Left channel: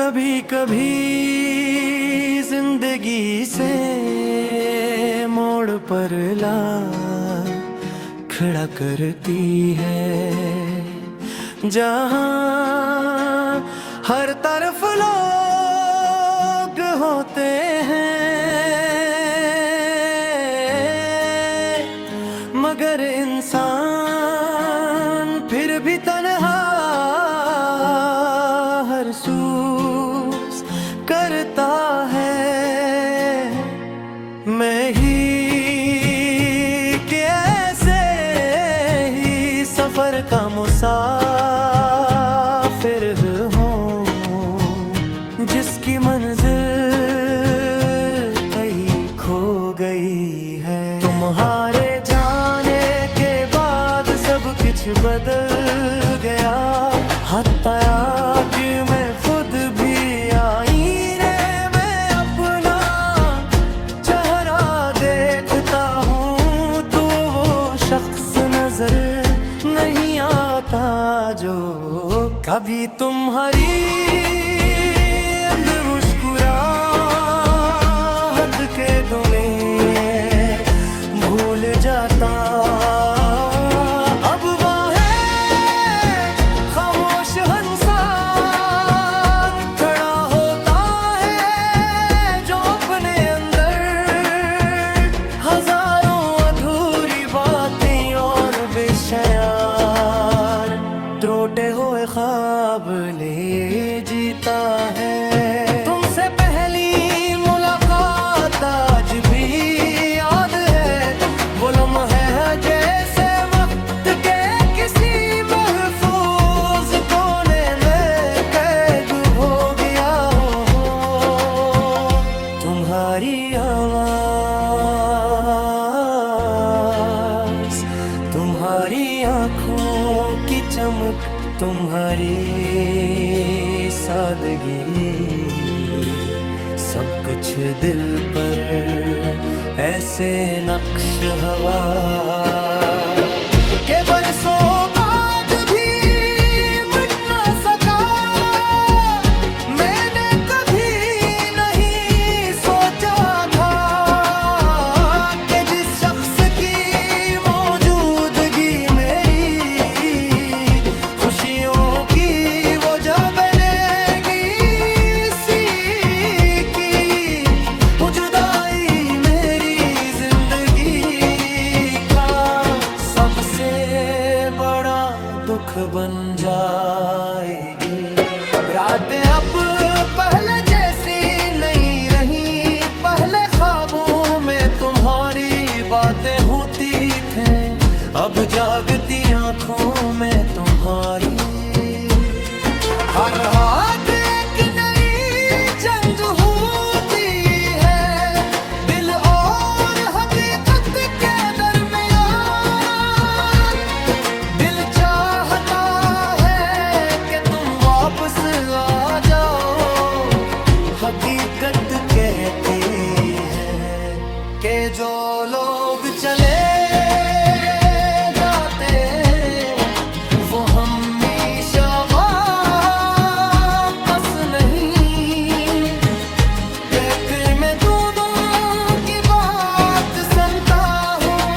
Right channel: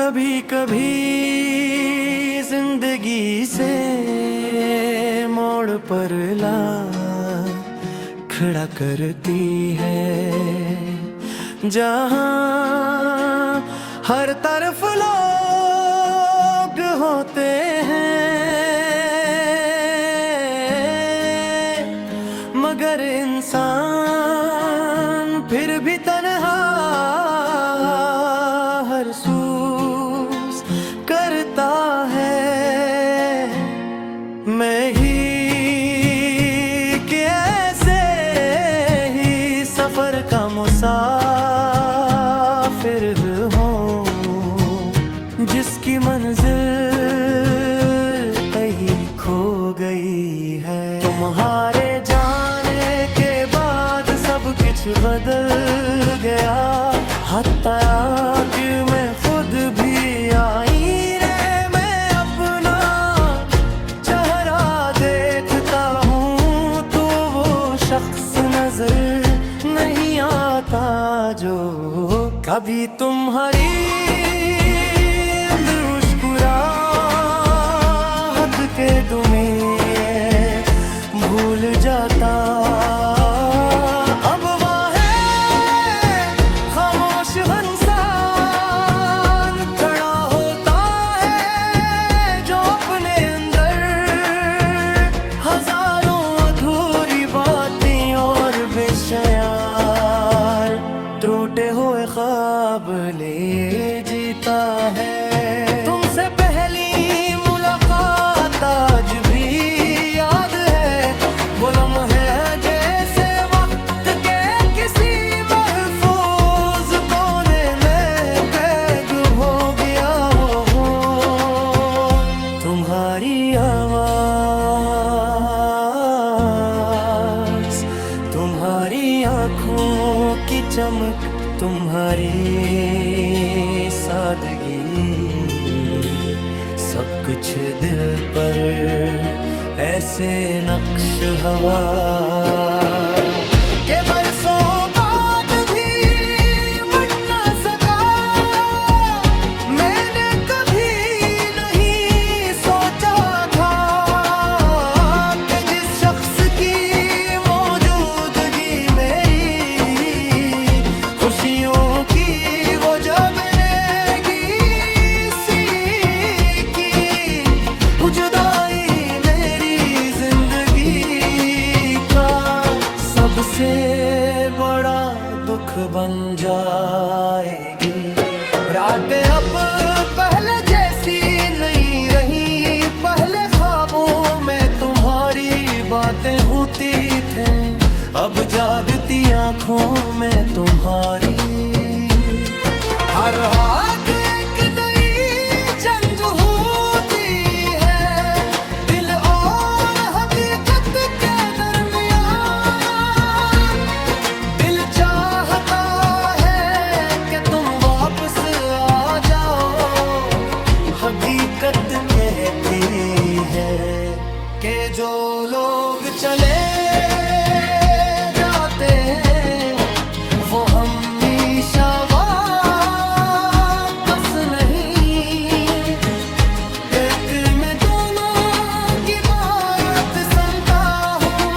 कभी कभी जिंदगी से मोड़ पर ला खड़ा करती है, जहाँ हर तरफ लोग होते हैं, मगर इंसान फिर भी तन्हा महसूस करता है। मैं ही कि ऐसे ही सफर का मुसाफिर हूँ, जिसकी मंजिल कहीं खो गई है। तुम्हारे जाने के बाद सब कुछ बदल गया, हत्या कि मैं खुद भी आईने में अपना चेहरा देखता हूँ, तो वो शख्स नजर नहीं आता जो कभी तुम्हारी मुस्कुराहट के दुमे भूल जाता। अब वह है खामोश इंसान खड़ा होता है, जो अपने अंदर हजारों अधूरी बातें और बेशयार त्रोटे हुए ख्वाब ले जीता है। तुमसे पहली मुलाकात आज भी याद है, वो लम्हे जैसे वक्त के किसी महफूज कोने में कैद हो गया हो। तुम्हारी आवाज, तुम्हारी आँखों की चमक, तुम्हारी सादगी, सब कुछ दिल पर ऐसे नक्श हवा के बरसों बाद भी मिट ना सका। मैंने कभी नहीं सोचा था कि जिस शख्स की मौजूदगी मेरी खुशियों की वो जब बनेगी, सी की जुदाई मेरी जिंदगी का सबसे बड़ा दुख बन जाएगी। रातें अब पहले जैसी नहीं रही, पहले ख्वाबों में तुम्हारी बातें होती थी, अब जागती आंखों में तुम्हारी हर रात एक नई जंग होती है। दिल और हकीकत के दरमियान दिल चाहता है कि तुम वापस आ जाओ, हकीकत कहती है कि जो लोग चले जाते वो हमेशा वापस नहीं। कहते मैं दोनों की बात सुनता हूँ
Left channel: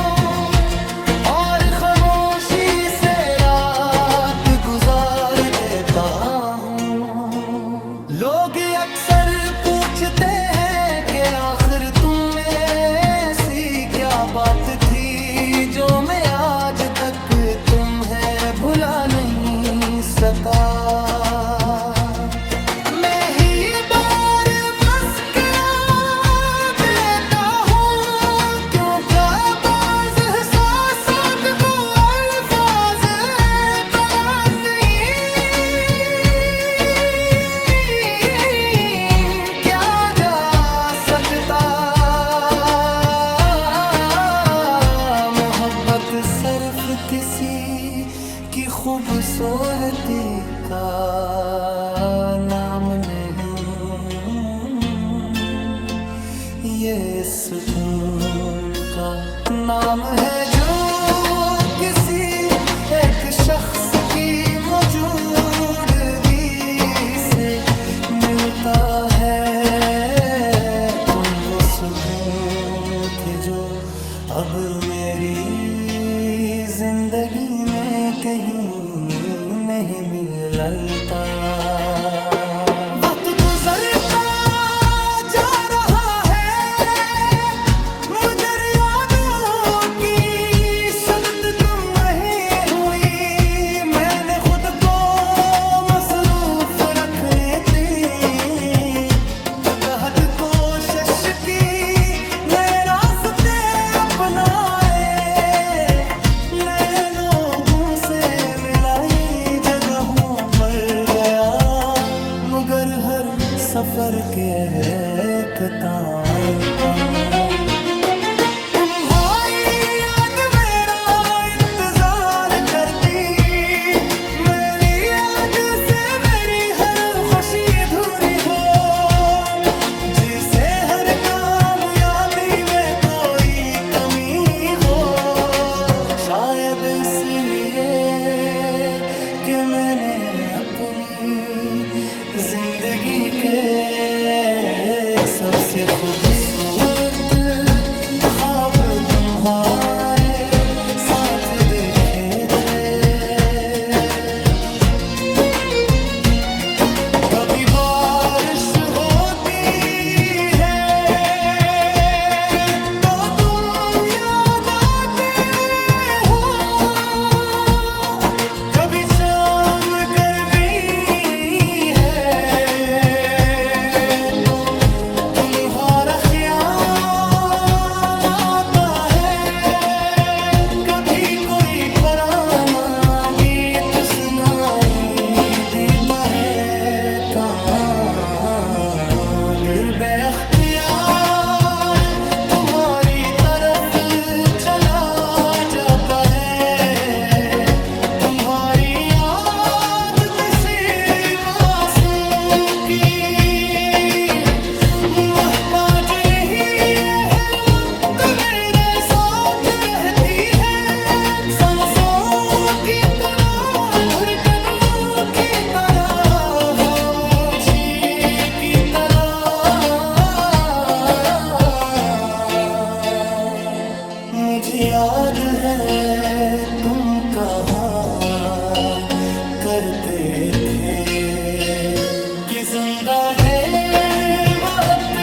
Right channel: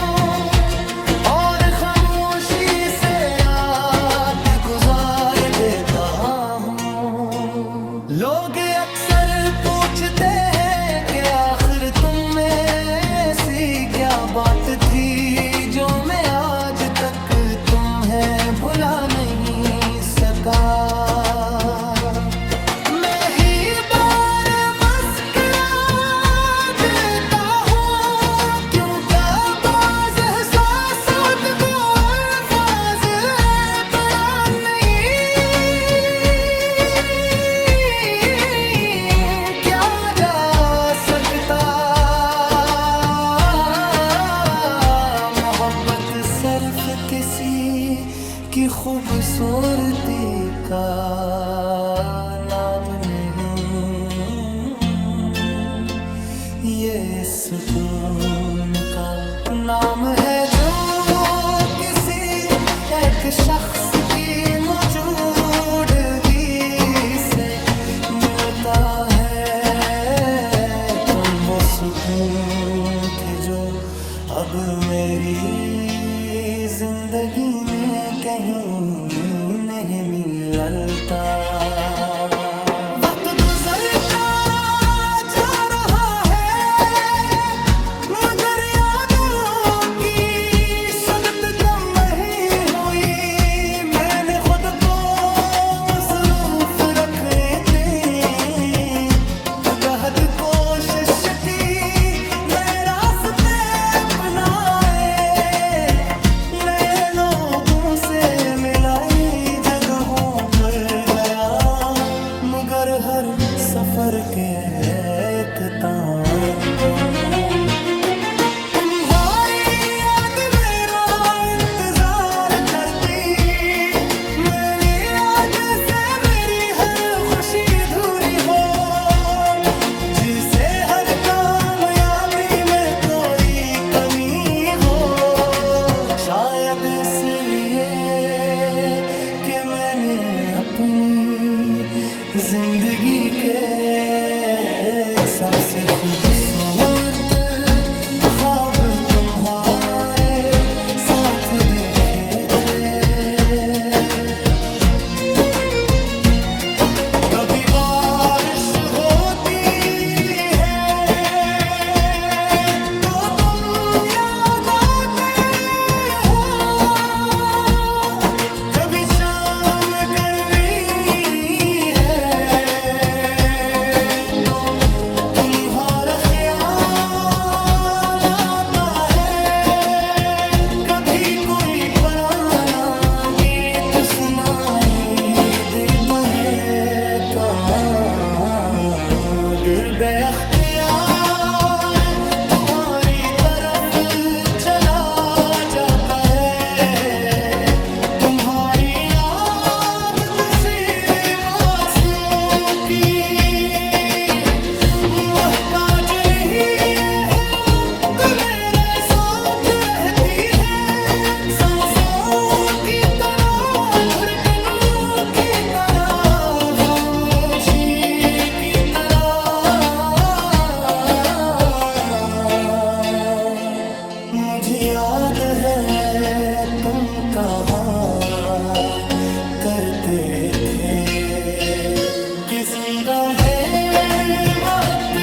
और खामोशी से रात गुजार देता हूँ। लोग अक्सर पूछते हैं कि आखिर तुम में ऐसी क्या बात थी जो मैं आज तक तुम्हें भुला नहीं सका। मैं ही बार मस्करा देता हूँ, क्योंकि बाज़ एहसासात को अल्फाज बयान नहीं क्या जा सकता। मोहब्बत सिर्फ किसी की खूबसूरती का नाम नहीं, ये सुकून का नाम है जो किसी एक शख्स की मौजूदगी से मिलता है। तुम वो सुकून थे जो अब मेरी जिंदगी में कहीं नहीं मिलता। वक्त गुजरता जा रहा है मगर यादों की शुद्धत कम नहीं हुई। मैंने खुद को मसरूफ रखने दे राहत कोशिश की, नए रास्ते अपनाए, नए लोगों से मिलाई जगहों पर गया, मगर हर सफर के एक ताम तुम्हारी याद मेरा इंतजार करती। मेरी याद से मेरी हर खुशी अधूरी हो, जिसे हर कामयाबी में कोई कमी हो। शायद इसलिए कि मैंने अपनी जिंदगी के सबसे खूबसूरत ख्वाब तुम्हारे साथ देखे थे। कभी बारिश होती शाम गर्मी है तो तुम्हारा ख्याल आता है। कभी कोई पुराना गीत सुनाई देता है गिर बेख्तियार तुम्हारी तरफ चला जाता है। मुझे याद है तुम कहा करते थे कि जिंदा है वक्त